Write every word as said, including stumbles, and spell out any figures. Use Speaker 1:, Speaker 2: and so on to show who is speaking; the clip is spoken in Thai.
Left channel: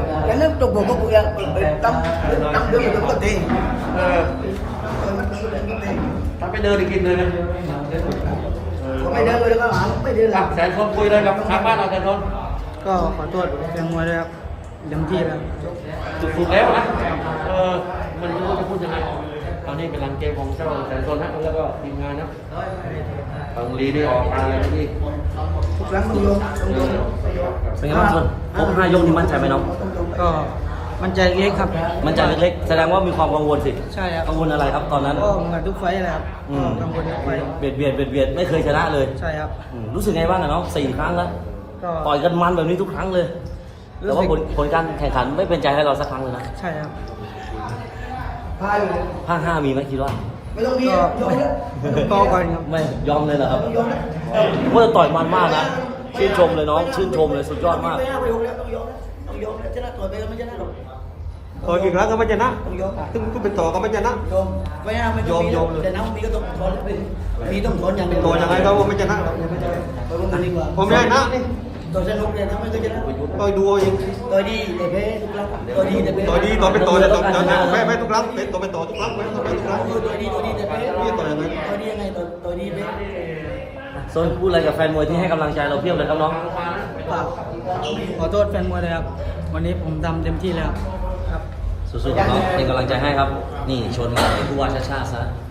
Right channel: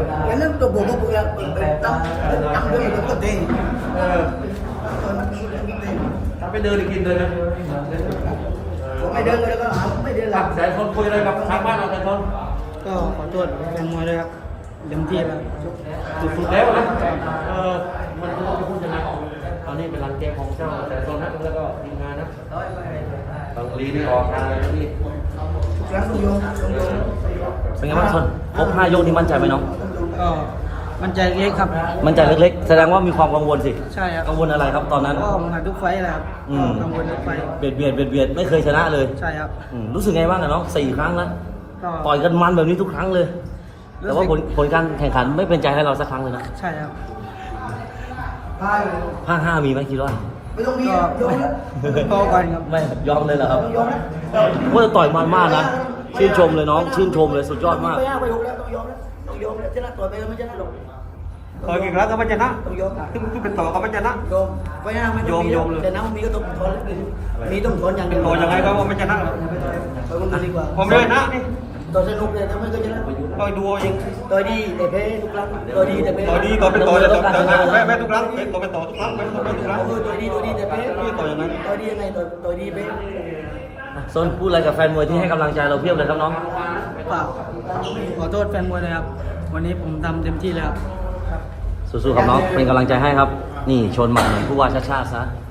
Speaker 1: cái nước tục buộc buộc là năm năm đứa mình có tiền
Speaker 2: เออทำไปเดินกินเลยนะ
Speaker 1: ไม่เดินเลยก็หาไม่เดินหลับ
Speaker 2: แสนคนคุยเลยกับทางบ้านเราแสนคน
Speaker 3: ก็ขอโทษแฟนมวยด้วยครับเต็มที่แล้ว
Speaker 2: สุดๆแล้วนะเออมันรู้ว่าจะพูดยังไงตอนนี้เป็นหลังเกมของเจ้าแสนคนนะแล้วก็ทีมงานนะตรงนี้นี่ออกมาเลยนะพี่
Speaker 1: ทุกครั้งต้องยงต้องยง
Speaker 4: เป็นไงบ้างชนครบห้ายกนี่มั่นใจไหมน้อง
Speaker 3: ก็มันใจเล็กครับ
Speaker 4: มั่นใจเล็กๆแสดงว่ามีความกังวลสิ
Speaker 3: ใช่ครับ
Speaker 4: กังวลอะไรครับตอนนั้น
Speaker 3: ก็เหมือนทุกไฟต์แหละครับ
Speaker 4: อื
Speaker 3: ก็
Speaker 4: ม
Speaker 3: กังวลทุกไฟต์
Speaker 4: เบียดเบียดเบียดเบียดไม่เคยชนะเลย
Speaker 3: ใช่ครับ
Speaker 4: อืมรู้สึกไงบ้างเนี่ยน้องสี่ครั้งแล้ว
Speaker 3: ก็
Speaker 4: ต่อยกันมันแบบนี้ทุกครั้งเลย
Speaker 3: รู้
Speaker 4: แต่
Speaker 3: สึก
Speaker 4: ว่าผลผลการแข่งขันไม่เป็นใจให้เราสักครั้งเลยนะ
Speaker 3: ใช่ครับ
Speaker 1: พลาดเลย
Speaker 4: ห้าห้ามีไหมคิดว่า
Speaker 1: ไม่ต้องมี
Speaker 3: ก็
Speaker 1: ยงแล้ว
Speaker 3: พอก่อนครับ
Speaker 4: ไม่ยอมเลยนะครับ
Speaker 1: ต้องยงแล้ว
Speaker 4: เพื่อต่อยมันมากนะชื่นชมเลยน้องชื่นชมเลยสุดยอดมาก
Speaker 1: ไม่เอาไปดูแล้วต้องยงแล้วต้องยงแล้วชนะตัวไปไม่ชนะหรอก
Speaker 3: ต่อยกี่ครั้งก็ไม่ชนะ
Speaker 1: ต้องยง
Speaker 3: ถึงกูเป็นต่อก็ไม่ชนะ
Speaker 1: ยงไม่เอาไม่ต้องมีแล้วแต่น้ำมีก็ต้องทนแล้วมีต้องทนอย่างเดียว
Speaker 3: ต่อยังไงก็ไม่ชนะหรอก
Speaker 1: อย่าไปต่อยไปมันกันดีกว่า
Speaker 3: ผมไม่ได้นะนี่
Speaker 1: ต่อยสนุกเลยทำไมก็ชนะ
Speaker 3: ต่อยดูเอาเอง
Speaker 1: ต่อยดีแต่แพ้ทุกครั้งต่อยดีแต่แพ้
Speaker 3: ต่อยดีต่อยเป็นต่อแต่ต่อยแต่ผมแพ้แพ้ทุกครั้งเป็นต่อเป็นต่อทุกครั้งแพ้ทุกครั้งทุกครั้ง
Speaker 1: เออต่อยดีต่อยดีแต่แพ้
Speaker 3: นี่ต่อยยังไง
Speaker 1: ต่อยดียังไงต่อยต่อยดีแพ้
Speaker 4: ส้นพูดอะไรกับแฟนมวยที่ให้กำลังใจเราเพียบเลยน้อง
Speaker 3: ฝากขอโทษแฟนมวยเลยครับ วันนี้ผมทำเต็มที่แล้วครับ
Speaker 4: ๆสู้ๆกับน้องเป็นกำลังใจให้ครับ นี่ชนมาผู้ว่าชาติชาติซะ